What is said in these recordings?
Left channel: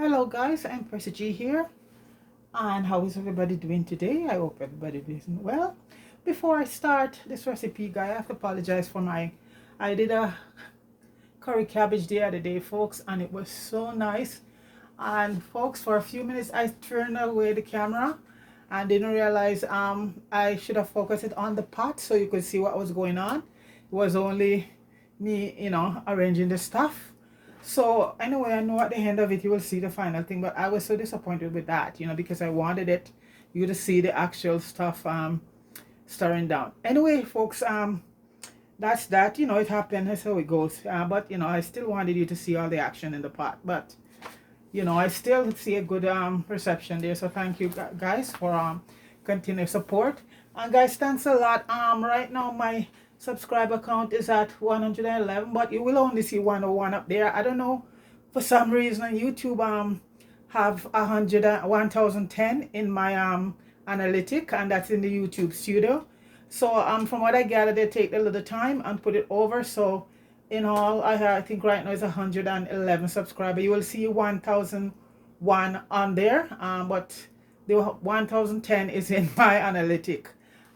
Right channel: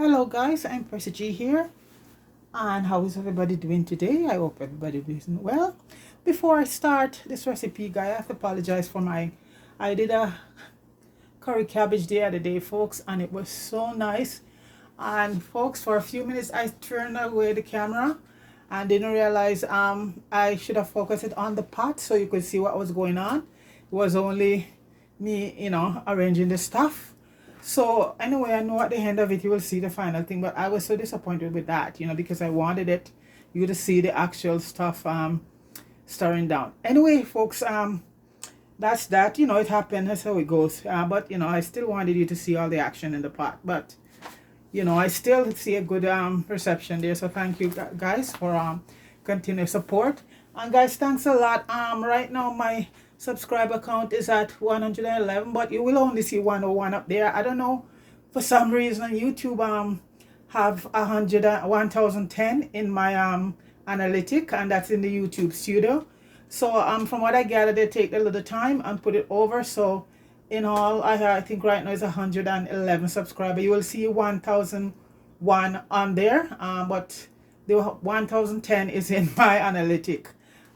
Hello guys, I'm Percy G here, and how is everybody doing today? I hope everybody is doing well. Before I start this recipe, guys, I have to apologize for I did a curry cabbage the other day, folks, and it was so nice. And folks, for a few minutes I turned away the camera and didn't realize I should have focused it on the pot so you could see what was going on. It was only me, arranging the stuff. So anyway, I know at the end of it you will see the final thing, but I was so disappointed with that, because I wanted you to see the actual stuff stirring down. Anyway, folks, that's that. It happened. That's how it goes. But I still wanted you to see all the action in the pot. But I still see a good reception there. So thank you guys for continued support. And guys, thanks a lot. Right now my subscriber count is at 111, but you will only see 101 up there. I don't know, for some reason YouTube have 1010 in my analytic, and that's in the YouTube studio. So from what I gather, they take a little time and put it over. So in all, I think right now is 111 subscriber. You will see 1001 on there, but the 1010 is in my analytic.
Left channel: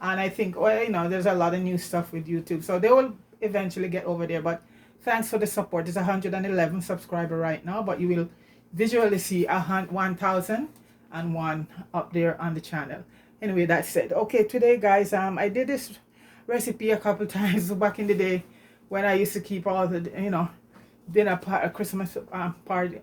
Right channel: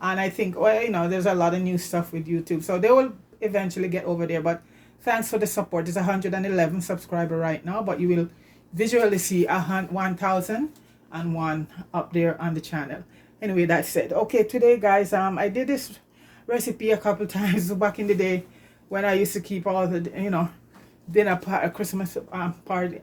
And I think, well, there's a lot of new stuff with YouTube, so they will eventually get over there. But thanks for the support. It's 111 subscriber right now, but you will visually see 1001 up there on the channel. Anyway, that's it. Okay, today guys, I did this recipe a couple times back in the day when I used to keep all the dinner Christmas party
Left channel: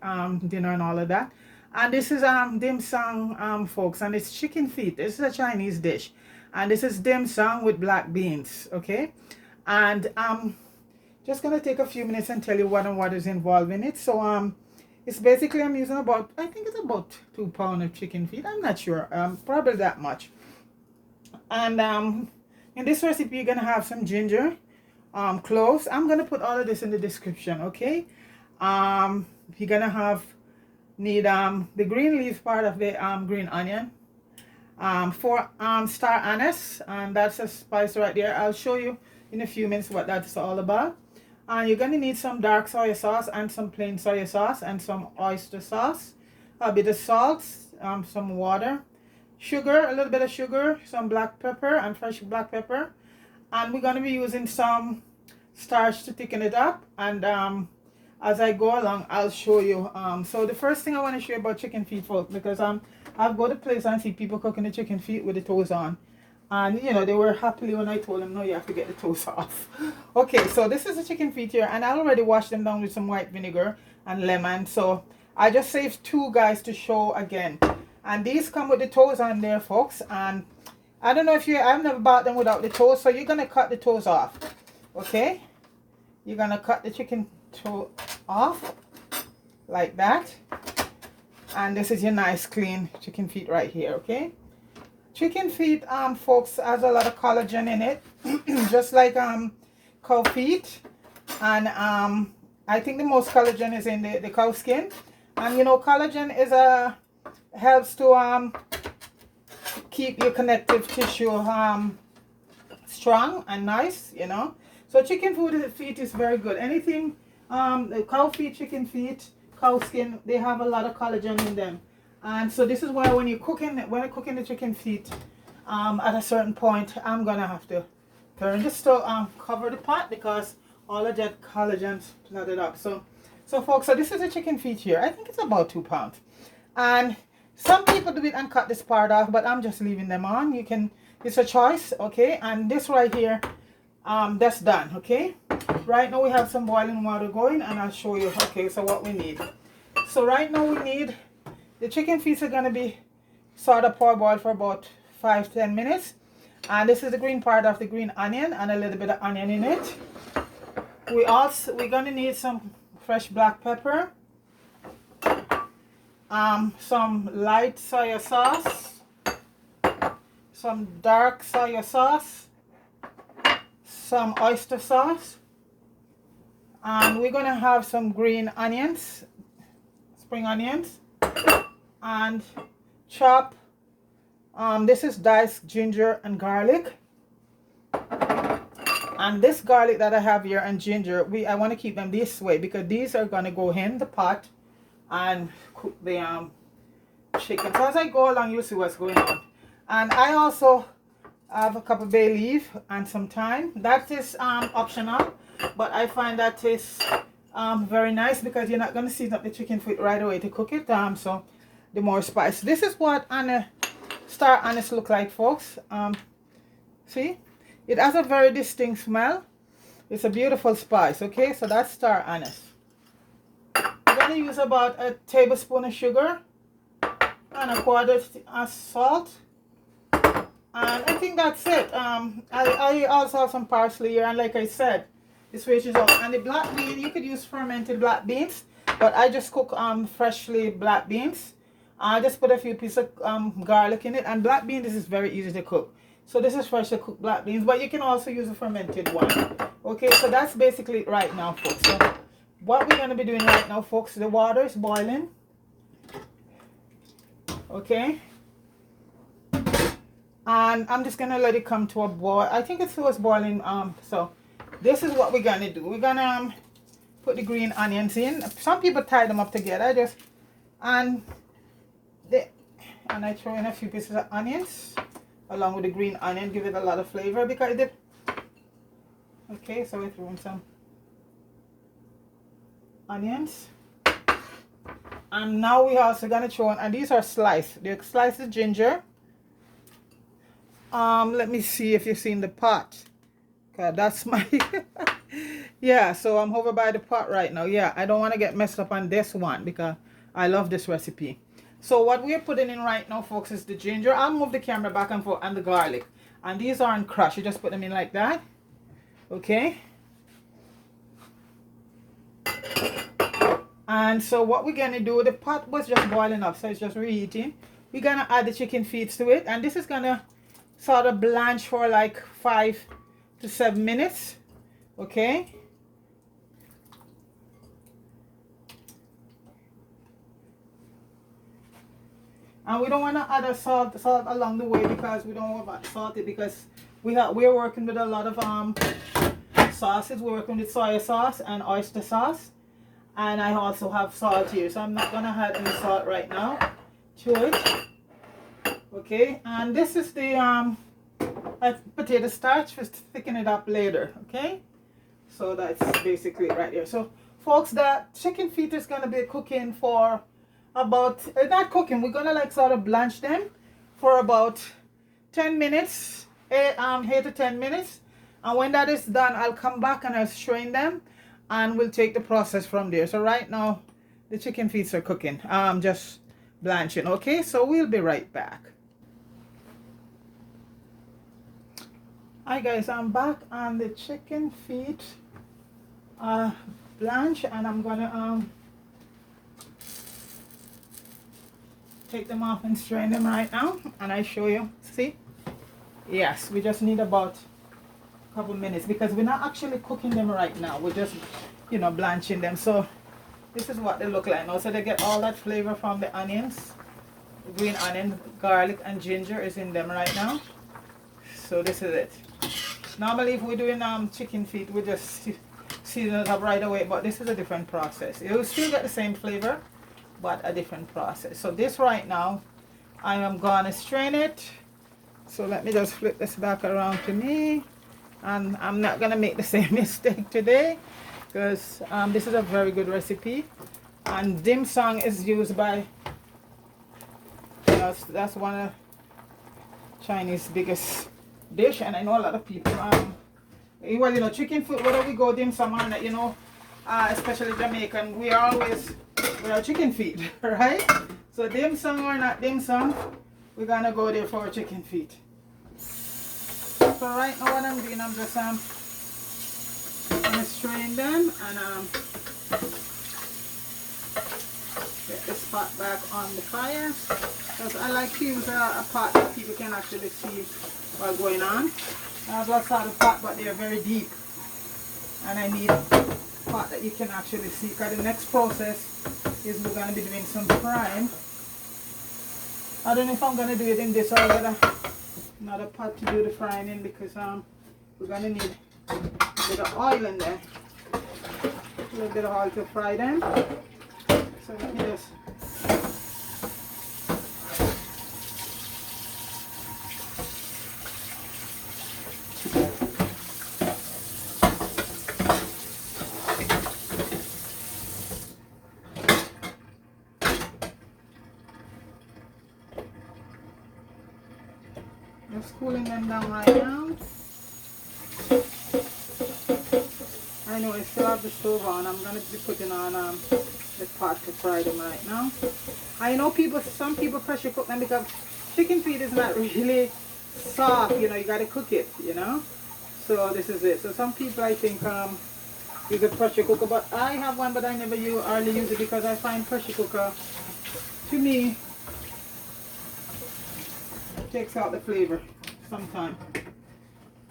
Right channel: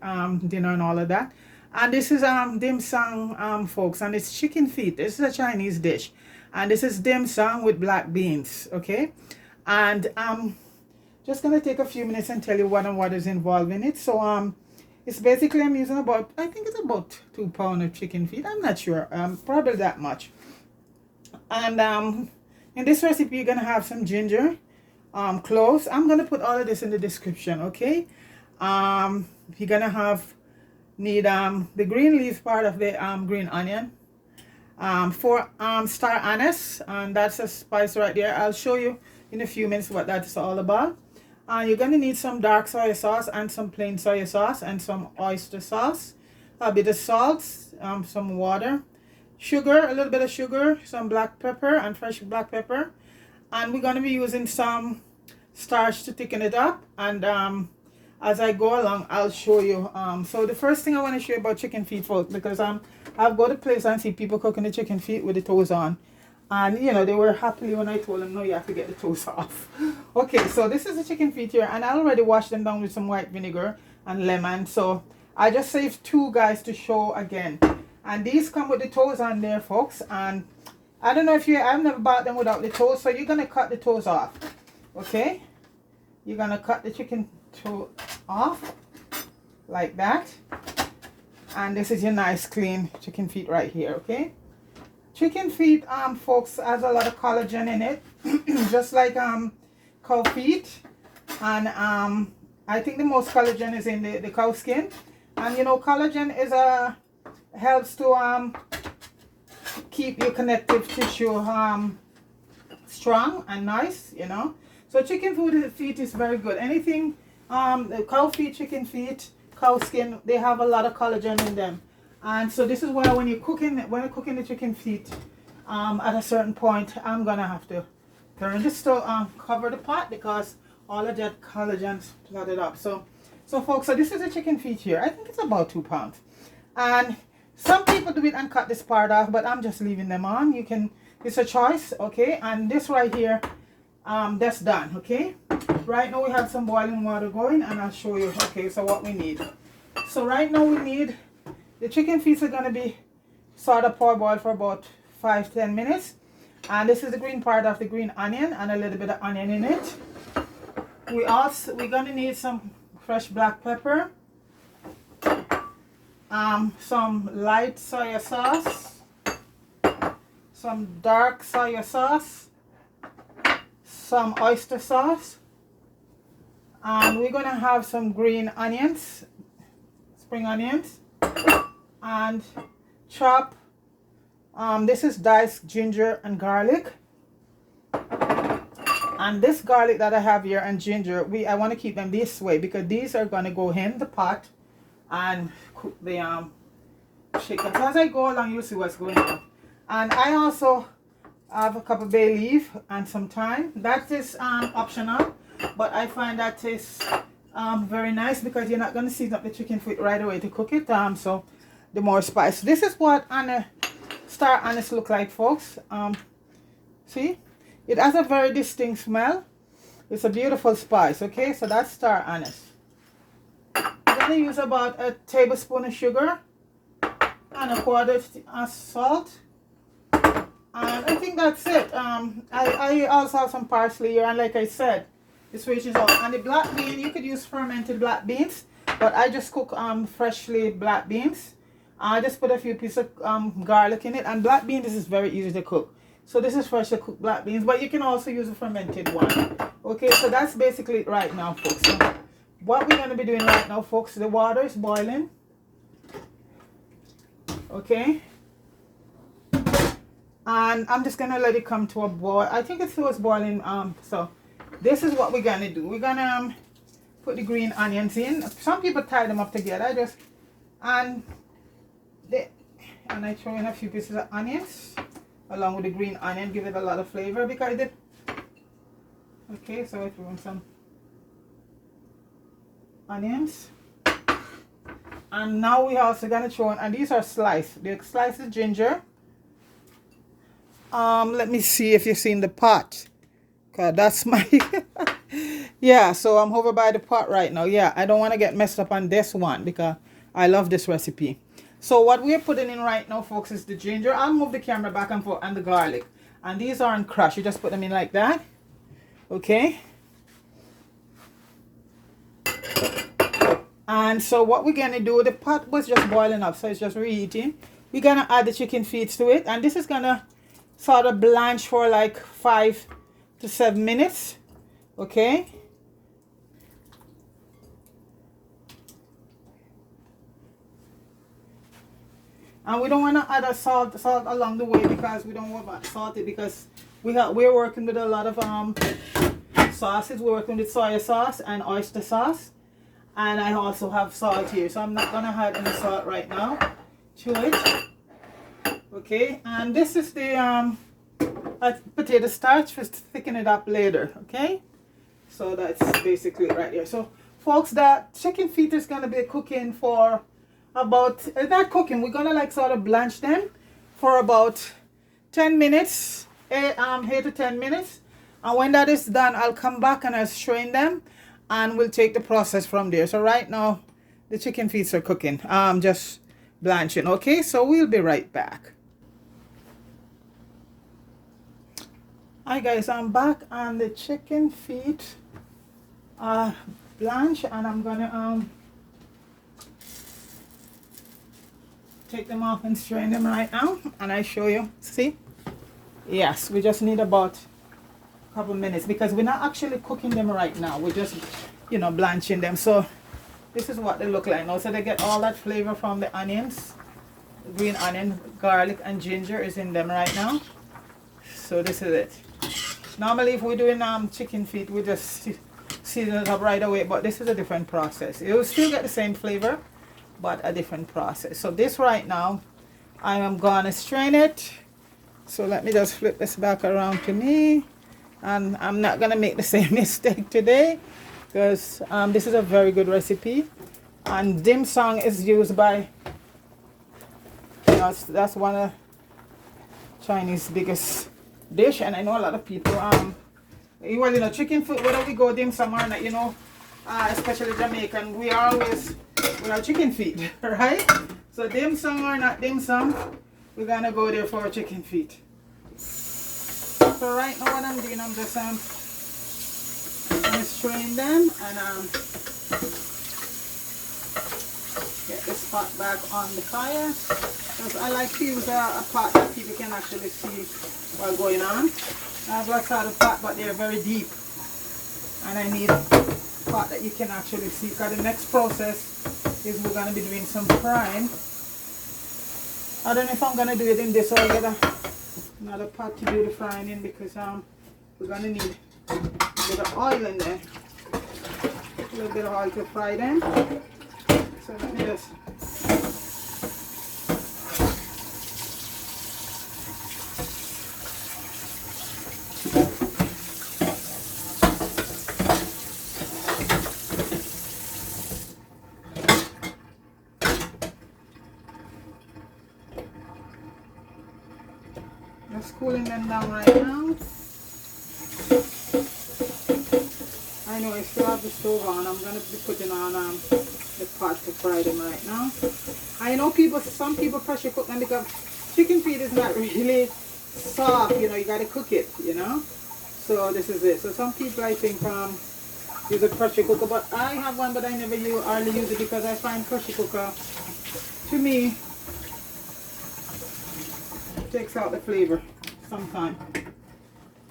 dinner and all of that. And this is dim sum, folks, and it's chicken feet. This is a Chinese dish, and this is dim sum with black beans. Okay, and just gonna take a few minutes and tell you what is involved in it. So it's basically, I'm using about, I think it's about 2 pounds of chicken feet. I'm not sure, probably that much. And in this recipe you're gonna have some ginger, cloves. I'm gonna put all of this in the description. Okay, you're gonna need the green leaf part of the green onion, 4 star anise, and that's a spice right there. I'll show you in a few minutes what that's all about. You're going to need some dark soy sauce and some plain soy sauce and some oyster sauce, a bit of salt, some water, sugar, a little bit of sugar, some black pepper and fresh black pepper. And we're going to be using some starch to thicken it up. And as I go along, I'll show you. So the first thing I want to show you about chicken feet, folks, because I've go to place and see people cooking the chicken feet with the toes on. And they were happily when I told them, no, you have to get the toes off. Okay, so this is the chicken feet here, and I already washed them down with some white vinegar and lemon. So I just saved 2 guys to show again. And these come with the toes on there, folks. And I don't know if I've never bought them without the toes. So you're gonna cut the toes off. Okay, you're gonna cut the chicken toe off like that. And this is your nice clean chicken feet right here. Okay, chicken feet, folks, has a lot of collagen in it, just like cow feet. And I think the most collagen is in the cow skin. And collagen helps to keep your connective tissue strong and nice. So chicken feet is very good. Anything the cow feet, chicken feet, cow skin, they have a lot of collagen in them. And so this is why when I'm cooking the chicken feet, at a certain point I'm gonna have to turn the stove, cover the pot, because all of that collagen flooded up. So folks, so this is the chicken feet here. I think it's about 2 pounds. And some people do it and cut this part off, but I'm just leaving them on. It's a choice. Okay, and this right here, that's done. Okay, right now we have some boiling water going, and I'll show you. Okay, so what we need. So right now we need, the chicken feet are going to be sort of parboiled for about 5-10 minutes. And this is the green part of the green onion, and a little bit of onion in it. We're going to need some fresh black pepper, some light soy sauce, some dark soy sauce, some oyster sauce, and we're going to have some green onions, spring onions, and chop, this is diced ginger and garlic. And this garlic that I have here and ginger, I want to keep them this way because these are going to go in the pot and cook the chicken. So as I go along, you'll see what's going on. And I also have a cup of bay leaf and some thyme. That is optional, but I find that is very nice because you're not going to season up the chicken feet right away to cook it. So the more spice. This is what star anise look like, folks. See, it has a very distinct smell. It's a beautiful spice. Okay, so that's star anise. I'm going to use about a tablespoon of sugar and a quarter of salt. And I think that's it. I also have some parsley here, and like I said, this switches out. And the black bean, you could use fermented black beans, but I just cook freshly black beans. I just put a few pieces of garlic in it, and black beans, this is very easy to cook. So this is freshly cooked black beans, but you can also use a fermented one. Okay, so that's basically it right now, folks. So what we're going to be doing right now, folks, the water is boiling. Okay. And I'm just going to let it come to a boil. I think it was boiling. So this is what we're going to do. We're going to put the green onions in. Some people tie them up together. And I throw in a few pieces of onions along with the green onion. Give it a lot of flavor because okay, so I throw in some onions. And now we're also going to throw in, and these are sliced. The sliced ginger. Let me see if you've seen the pot. Okay, that's my yeah, so I'm over by the pot right now. Yeah, I don't want to get messed up on this one because I love this recipe. So what we're putting in right now, folks, is the ginger. I'll move the camera back and forth, and the garlic. And these aren't crushed. You just put them in like that. Okay. And so what we're going to do, the pot was just boiling up, so it's just reheating. We're going to add the chicken feet to it, and this is going to sort of blanch for like 5 to 7 minutes. Okay. And we don't want to add a salt along the way because we don't want to salt it because we're working with a lot of sauces. We're working with soy sauce and oyster sauce, and I also have salt here, so I'm not gonna add any salt right now to it. Okay, and this is the potato starch. Just thicken it up later. Okay, so that's basically it right there. So folks, the chicken feet is gonna be cooking for about, not cooking, we're gonna like sort of blanch them for about 10 minutes, 8 to 10 minutes. And when that is done, I'll come back and I'll strain them and we'll take the process from there. So right now the chicken feet are cooking, just blanching. Okay, so we'll be right back. Hi guys, I'm back and the chicken feet blanch, and I'm gonna take them off and strain them right now, and I show you. See, yes, we just need about a couple minutes because we're not actually cooking them right now, we're just, you know, blanching them. So this is what they look like now. So they get all that flavor from the onions, the green onion, garlic and ginger is in them right now. So this is it. Normally if we're doing chicken feet, we just season it up right away, but this is a different process. You'll still get the same flavor, but a different process. So this right now, I am gonna strain it. So let me just flip this back around to me, and I'm not gonna make the same mistake today because this is a very good recipe, and dim sum is used by, you know, that's one of Chinese biggest dish, and I know a lot of people well, you know, chicken food, whether we go dim sum or not, you know, especially Jamaican, we are chicken feet, right? So dim sum or not dim sum, we're gonna go there for chicken feet. So right now what I'm doing, I'm just gonna strain them and get this pot back on the fire. Because I like to use a pot that people can actually see what's going on. I have lots of pot, but they're very deep, and I need a pot that you can actually see. Because the next process is we're going to be doing some frying. I don't know if I'm going to do it in this or get another pot to do the frying in, because we're going to need a bit of oil in there. A little bit of oil to fry them. So let me just cooling them down right now. I know I still have the stove on. I'm gonna be putting on the pot to fry them right now. I know some people pressure cook them because chicken feet is not really soft. You know, you gotta cook it. You know, so this is it. So some people I think use a pressure cooker, but I have one, but I never hardly use it because I find pressure cooker to me takes out the flavor sometimes.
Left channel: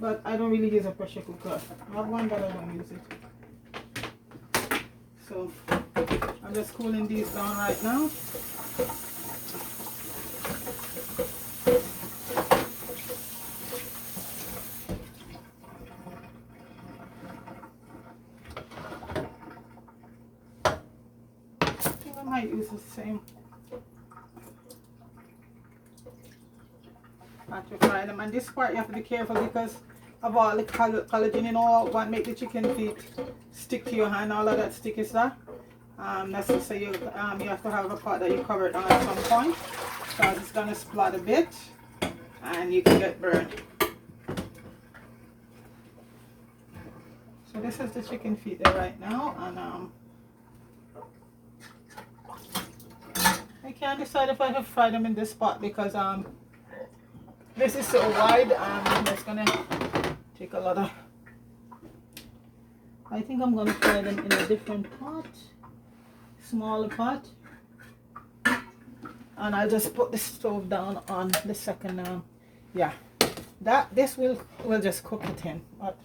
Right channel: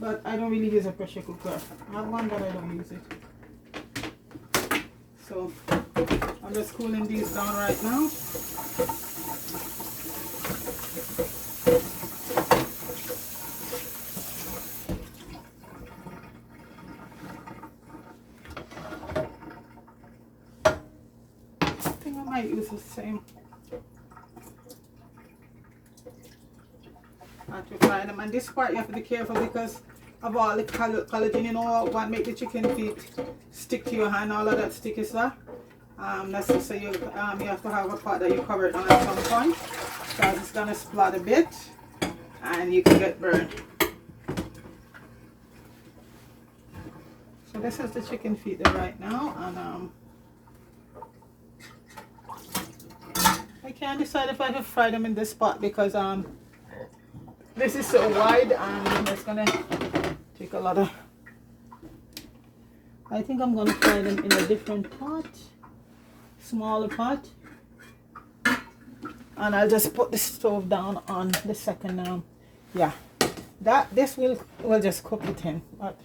But I don't really use a pressure cooker. I have one, but I don't use it. So I'm just cooling these down right now. I think I might use the same. To fry them, and this part you have to be careful because of all the collagen, you know what make the chicken feet stick to your hand, all of that sticky stuff. That's to say you have to have a pot that you cover it on at some point because it's gonna splat a bit and you can get burned. So this is the chicken feet there right now, and I can't decide if I should fry them in this pot because this is so wide and it's gonna take a lot of. I think I'm gonna fry them in a different pot, smaller pot, and I'll just put the stove down on the second. Yeah, this will just cook it in. But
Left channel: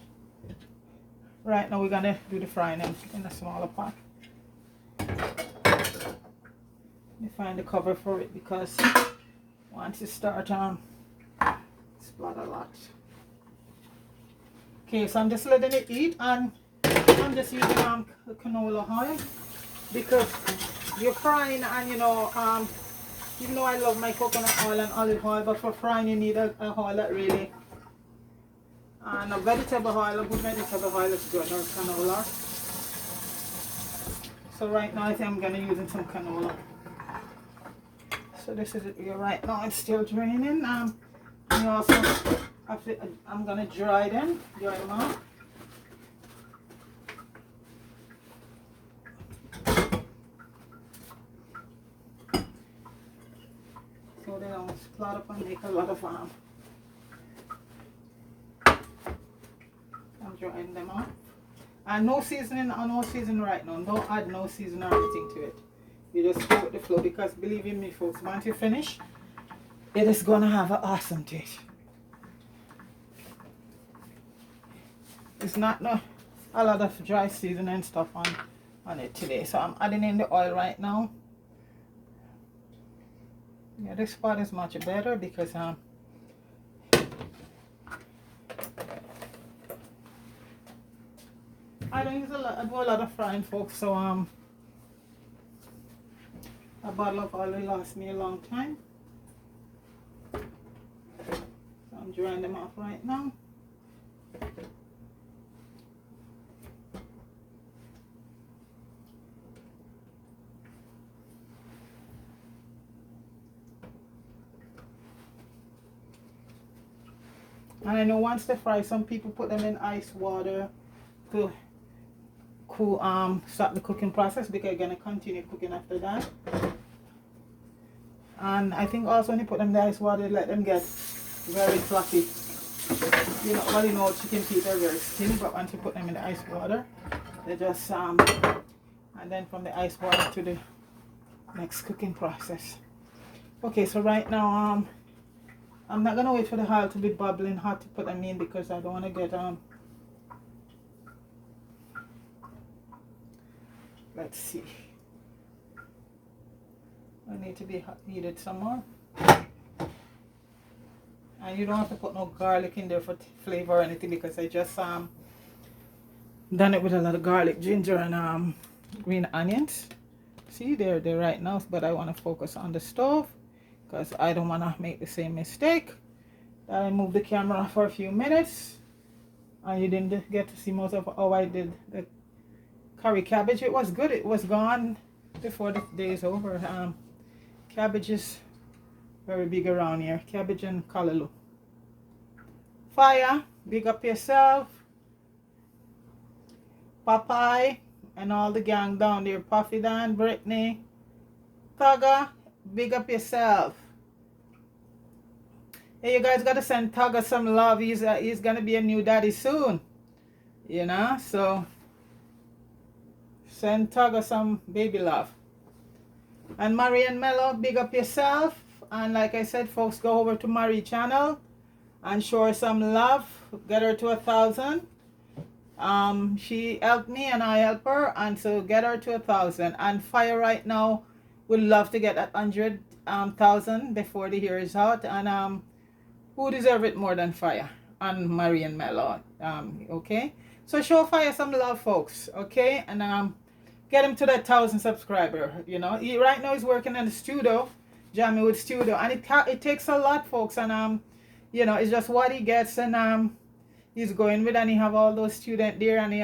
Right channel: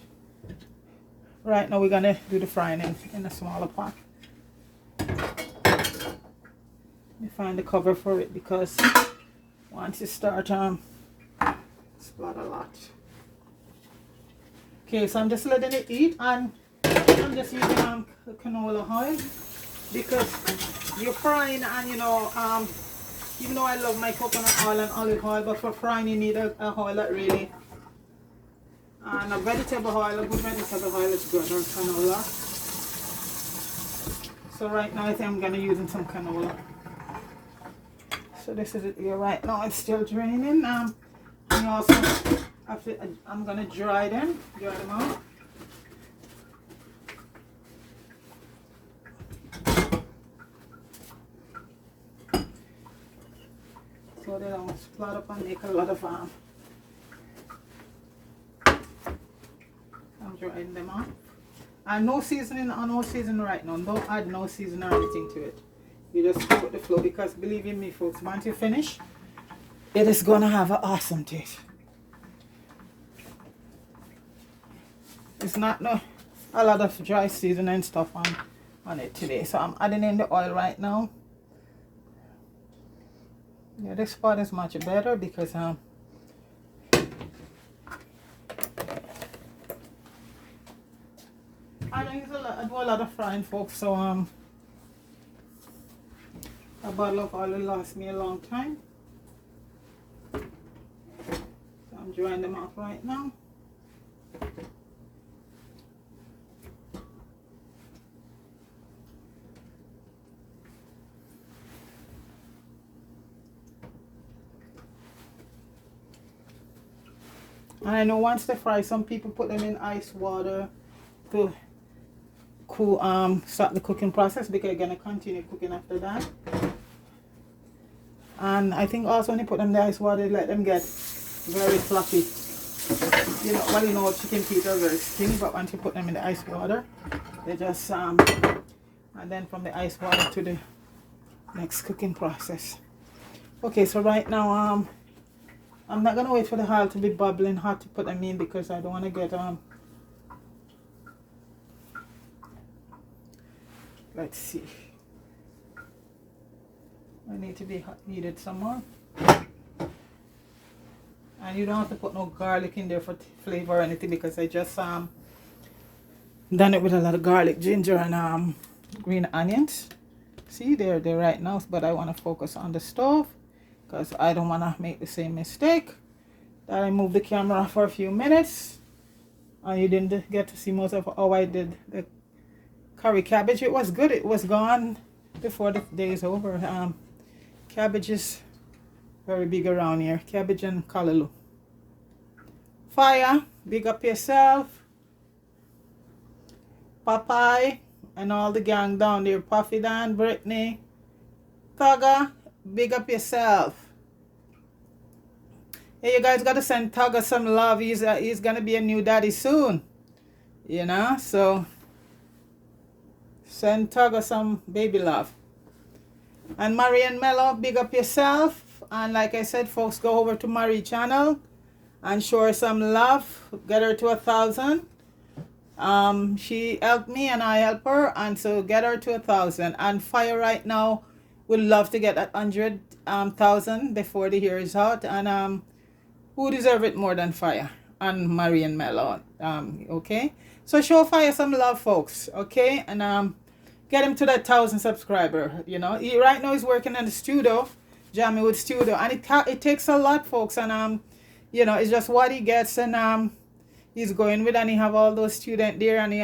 right now we're gonna do the frying in a smaller pot. Let me find the cover for it because once you start splat a lot. Okay, so I'm just letting it eat, and I'm just using canola oil because you're frying, and you know even though I love my coconut oil and olive oil, but for frying you need a oil that really, and a vegetable oil, a good vegetable oil is good, or canola. So right now I think I'm gonna use some canola. So this is it here right now. It's still draining. And also, I'm gonna dry them out. So they don't splat up and make a lot of I'm drying them out. And no seasoning right now. Don't add no seasoning or anything to it. You just go with the flow because believe in me folks, once you finish, it is gonna have an awesome taste. It's not a lot of dry seasoning stuff on it today. So I'm adding in the oil right now. Yeah, this part is much better because I don't use I do a lot of frying folks, so a bottle of oil will last me a long time. So I'm drying them off right now. And I know once they fry, some people put them in ice water to cool, stop the cooking process because you're gonna continue cooking after that. And I think also when you put them in the ice water, let them get very fluffy. You know chicken feet are very skinny, but once you put them in the ice water, they just and then from the ice water to the next cooking process. Okay, so right now I'm not gonna wait for the oil to be bubbling hot to put them in because I don't want to get let's see, I need to be heated some more. And you don't have to put no garlic in there for flavor or anything because I just done it with a lot of garlic, ginger, and green onions. See, they're right now, but I want to focus on the stove because I don't want to make the same mistake. I moved the camera for a few minutes and you didn't get to see most of how I did the curry cabbage. It was good. It was gone before the day is over. Cabbage is very big around here. Cabbage and callaloo. Fire, big up yourself. Popeye and all the gang down there. Puffy Dan, Brittany, Thugger, big up yourself. Hey, you guys got to send Thugger some love. He's going to be a new daddy soon. You know, so send Thugger some baby love. And Marian Mello, big up yourself. And like I said, folks, go over to Marie channel and show her some love. Get her to 1,000. She helped me and I help her, and so get her to 1,000. And Fire right now would love to get that 100,000 before the year is out. And who deserve it more than Fire and Marian Mello? Okay, so show Fire some love, folks. Okay, and get him to that 1,000 subscriber. You know, right now he's working in the studio, Jamiewood Studio, and it takes a lot, folks. And you know, it's just what he gets, and he's going with, and he have all those students there, and they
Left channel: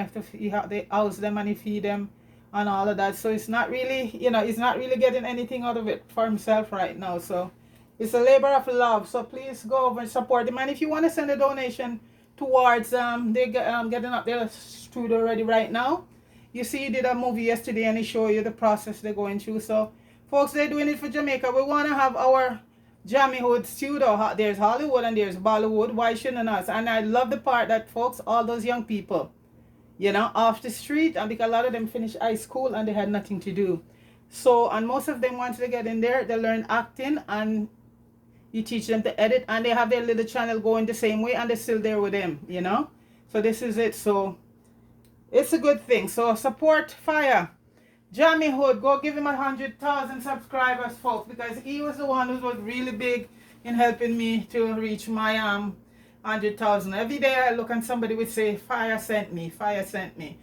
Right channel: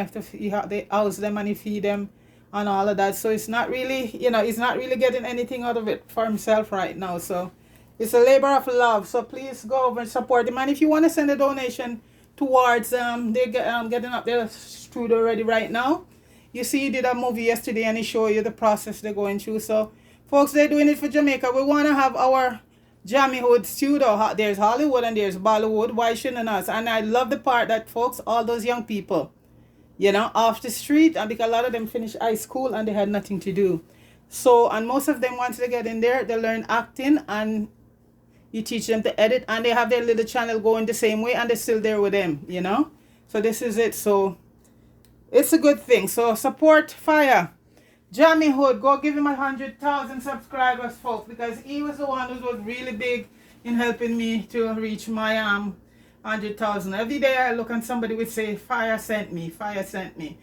house them and he feed them and all of that. So it's not really, you know, he's not really getting anything out of it for himself right now. So it's a labor of love. So please go over and support him. And if you want to send a donation towards they're getting up their studio ready right now. You see, he did a movie yesterday and he showed you the process they're going through. So folks, they're doing it for Jamaica. We want to have our Jamiewood studio. There's Hollywood and there's Bollywood. Why shouldn't us? And I love the part that, folks, all those young people, you know, off the street, and because a lot of them finished high school and they had nothing to do. So, and most of them, once they get in there, they learn acting, and you teach them to edit, and they have their little channel going the same way, and they're still there with them, you know. So this is it. So it's a good thing. So support Fire. Jamiewood, go give him 100,000 subscribers, folks, because he was the one who was really big in helping me to reach my 100,000. Every day I look and somebody would say, Fire sent me, Fire sent me.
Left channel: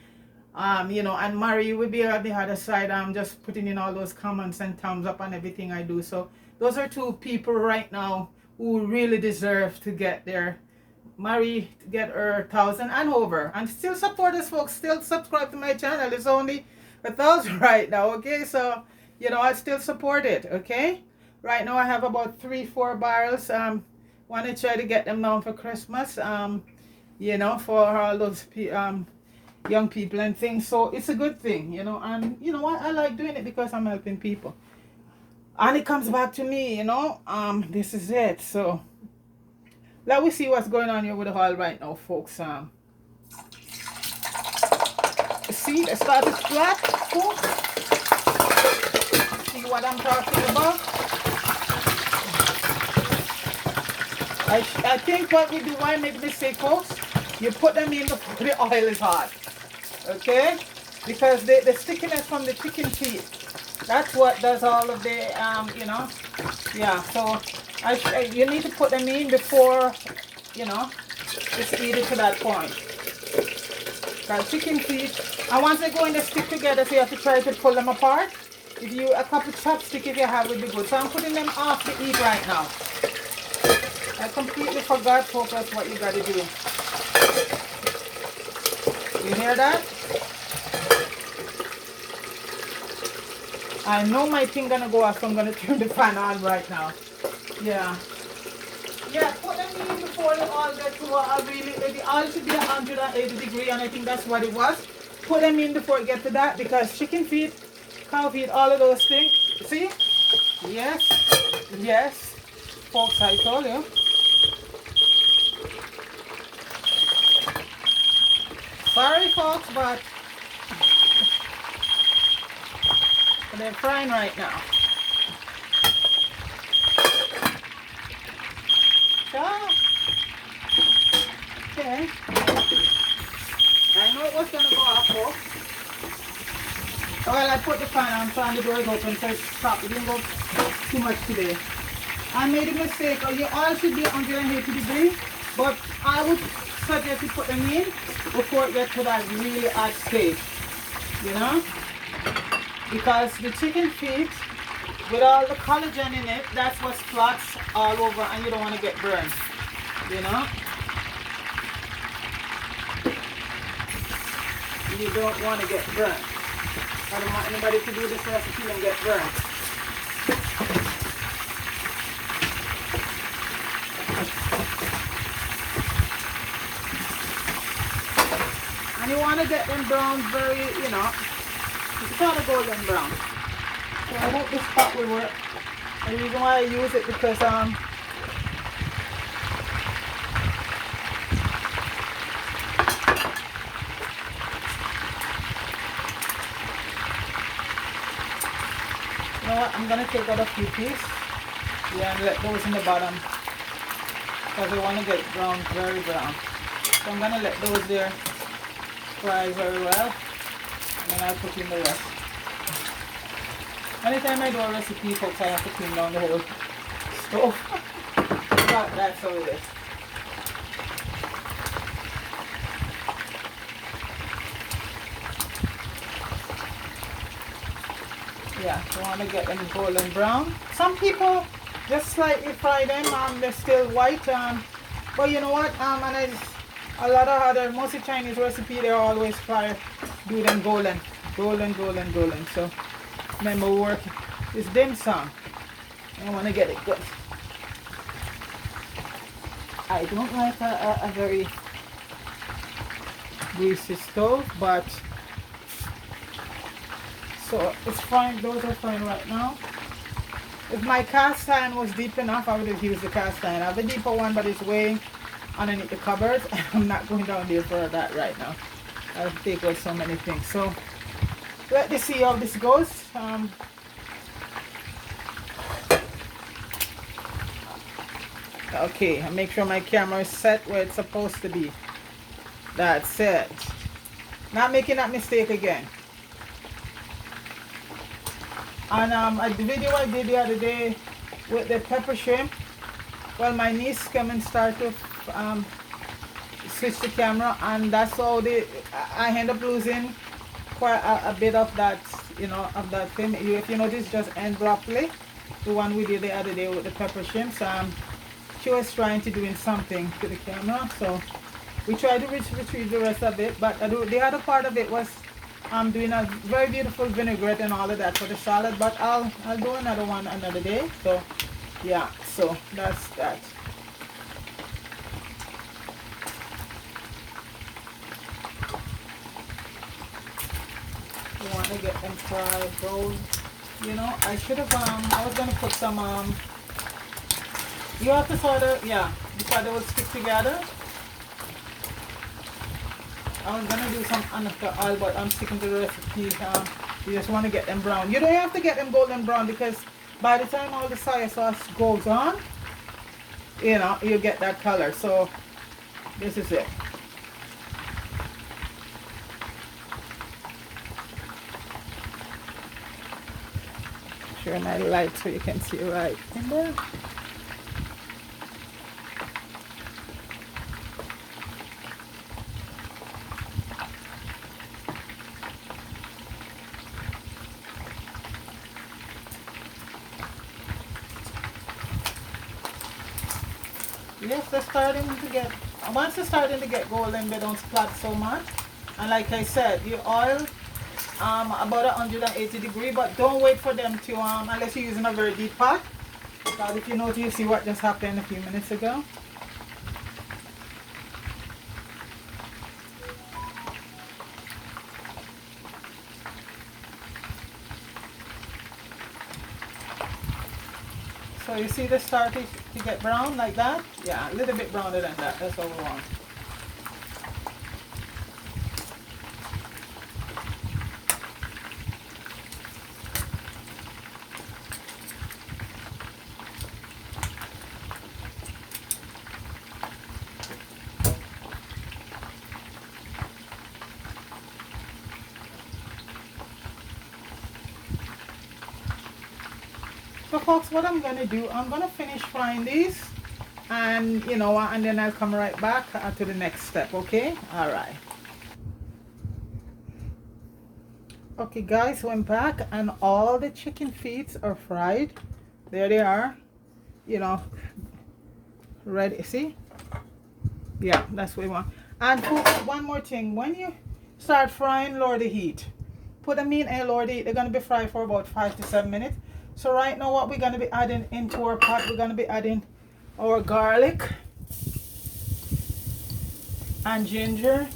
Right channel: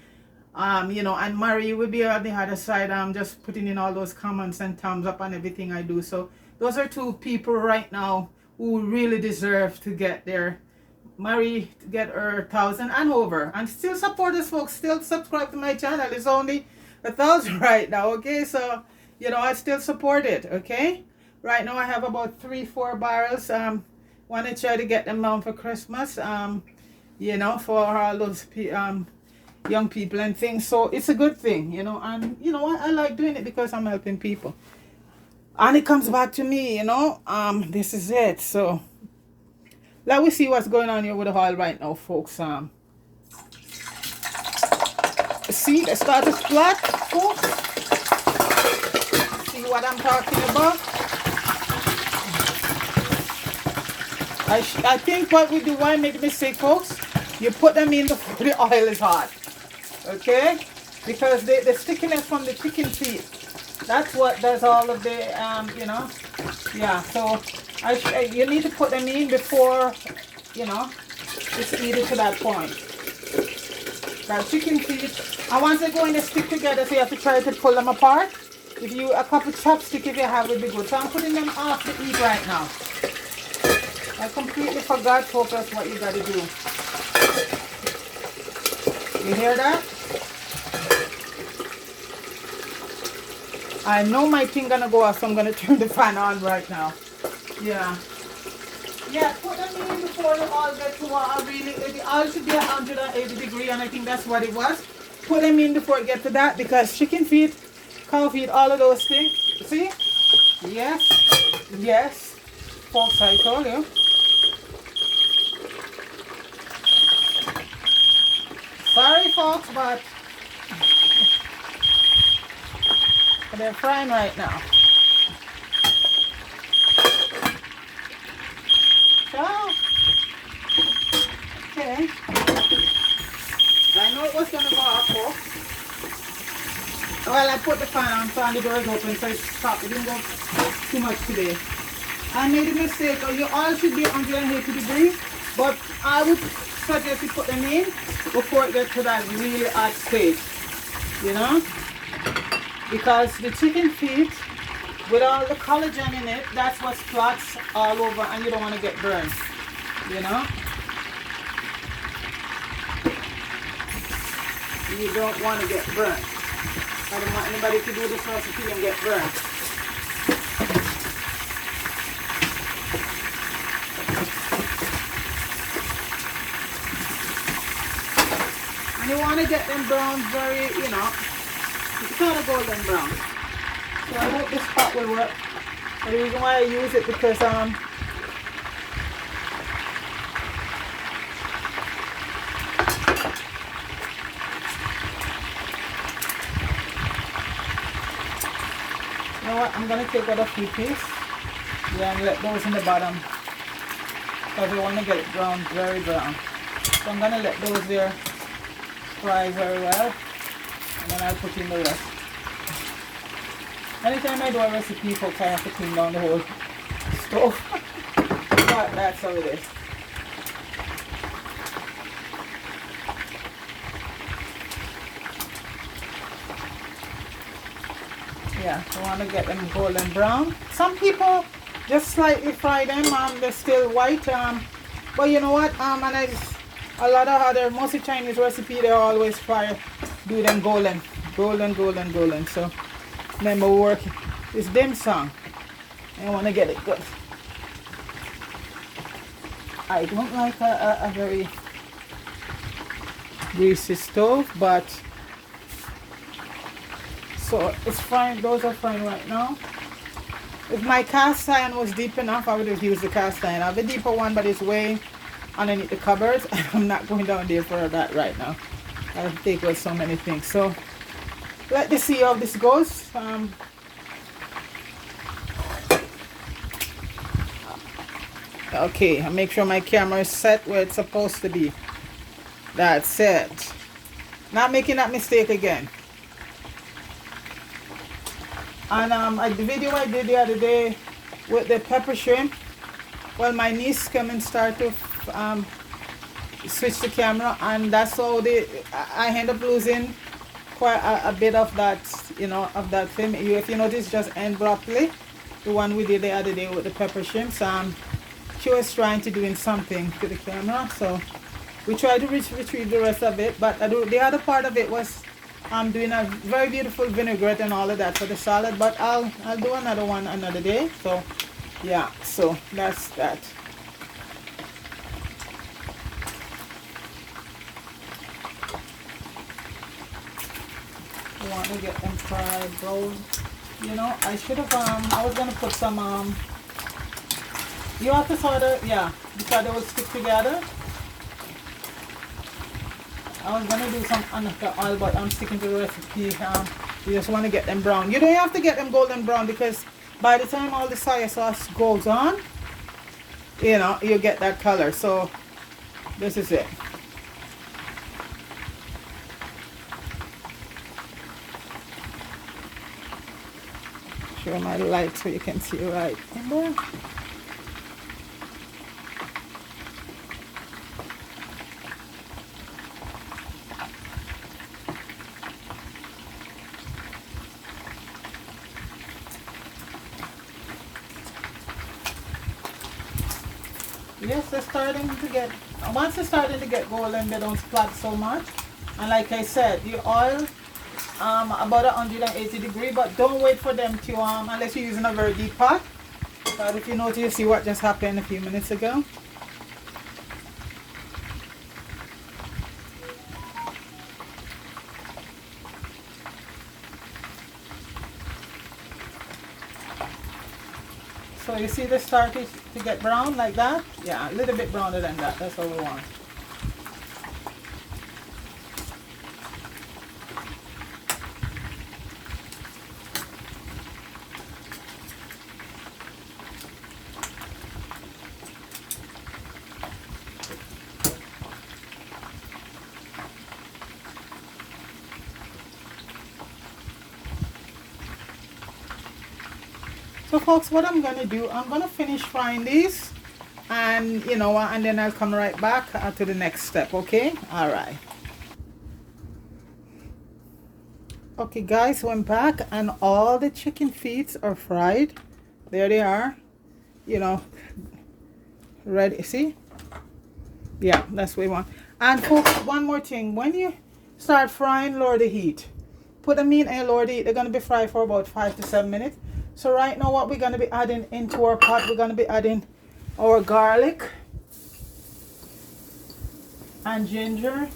You know, and Marie would be on the other side, just putting in all those comments and thumbs up on everything I do. So those are two people right now who really deserve to get there. Marie to get her 1,000 and over, and still support us, folks. Still subscribe to my channel. It's only 1,000 right now. Okay, so you know, I still support it. Okay, right now I have about 3-4 barrels. Want to try to get them down for Christmas, you know, for all those young people and things. So it's a good thing, you know. And you know what, I like doing it because I'm helping people, and it comes back to me, you know. This is it. So let me see what's going on here with the oil right now, folks. See, let's start it flat, folks. See what I'm talking about? I think what we do, why I make a mistake, folks, you put them in before the oil is hot. Okay? Because the stickiness from the chicken feet, that's what does all of the, you know, yeah, so you need to put them in before, you know, it's heated to that point. Now chicken feet, and once they go in, they stick together, so you have to try to pull them apart. If you, a couple chopsticks if you have would be good. So I'm putting them off the heat right now. I completely forgot, folks, that's what you gotta do. You hear that? I know my thing gonna go off, so I'm gonna turn the fan on right now. Yeah. Yeah, put them in before the oil gets to the oil should be 180 degrees, and I think that's what it was. Put them in before it gets to that, because chicken feet, cow feet, all of those things. See? Yes. Yes. Folks, I told you. Sorry, folks, but they're frying right now. Okay. I know it was going to go off, folks. Well, I put the fan on, so the door is open, so it's stopped. It didn't go too much today. I made a mistake. Your oil should be 180 degrees, but I would suggest you put them in before it gets to that really hot stage. You know? because the chicken feet with all the collagen in it, that's what spots all over, and you don't want to get burned, you know. You don't want to get burned. I don't want anybody to do this recipe and get burned. And you want to get them brown very, you know, it's kind of golden brown. So I hope this pot will work. And the reason why I use it because you know what, I'm gonna take out a few pieces. Yeah, and let those in the bottom because I want to get it brown, very brown. So I'm gonna let those there fry very well, and then I'll put in the rest. Anytime I do a recipe, folks, I have to clean down the whole stove. But that's how it is. Yeah, you want to get them golden brown. Some people just slightly fry them, they're still white. But you know what? And a lot of other, mostly Chinese recipe, they always do them golden. So remember, work is dim sum. I want to get it good. I don't like a very greasy stove, but so it's fine. Those are fine right now. If my cast iron was deep enough, I would have used the cast iron. I have a deeper one, but it's way underneath the cupboard, and I'm not going down there for that right now. I'll take out so many things. So let's see how this goes. Okay, I make sure my camera is set where it's supposed to be. That's it. Not making that mistake again. And the video I did the other day with the pepper shrimp, well, my niece came and started to switch the camera, and that's how I end up losing quite a bit of that, you know, of that film. If you notice, just end broccoli, the one we did the other day with the pepper shrimps. She was trying to doing something to the camera, so we tried to retrieve the rest of it, but the other part of it was doing a very beautiful vinaigrette and all of that for the salad, but I'll do another one another day. So yeah, so that's that. You want to get them fried brown. You know, I should have I was gonna put some you have to sort of, yeah, because they will stick together. I was gonna do some another oil, but I'm sticking to the recipe. You just want to get them brown. You don't have to get them golden brown, because by the time all the soy sauce goes on, you know, you get that color. So this is it. Share my light so you can see right in there. Yes, they're starting to get, once they're starting to get golden, they don't splat so much. And like I said, the oil about 180 degrees, but don't wait for them to unless you're using a very deep pot. But if you notice, you see what just happened a few minutes ago. So you see they starting to get brown like that? Yeah, a little bit browner than that. That's what we want. So folks, what I'm gonna do, I'm gonna finish frying these, and you know, and then I'll come right back to the next step. Okay, all right. Okay guys, so I'm back and all the chicken feet are fried. There they are, you know, ready. See? Yeah, that's what we want. And folks, one more thing, when you start frying, lower the heat. Put them in and lower the heat. They're going to be fried for about 5 to 7 minutes. So right now what we're going to be adding into our pot, we're going to be adding our garlic and ginger,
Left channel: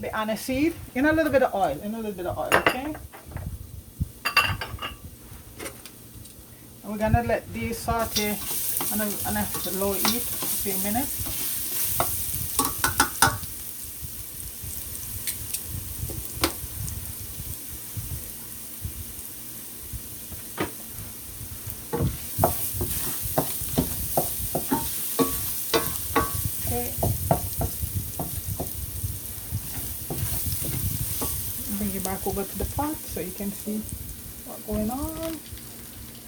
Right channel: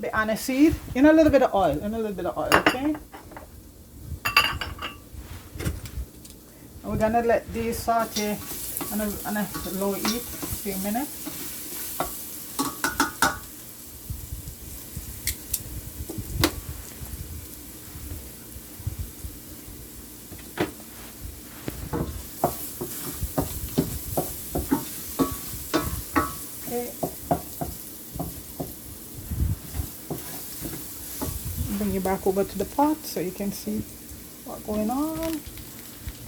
the aniseed, in a little bit of oil, okay? And we're gonna let these saute on a low heat a few minutes. Okay. Bring you back over to the pot so you can see what's going on.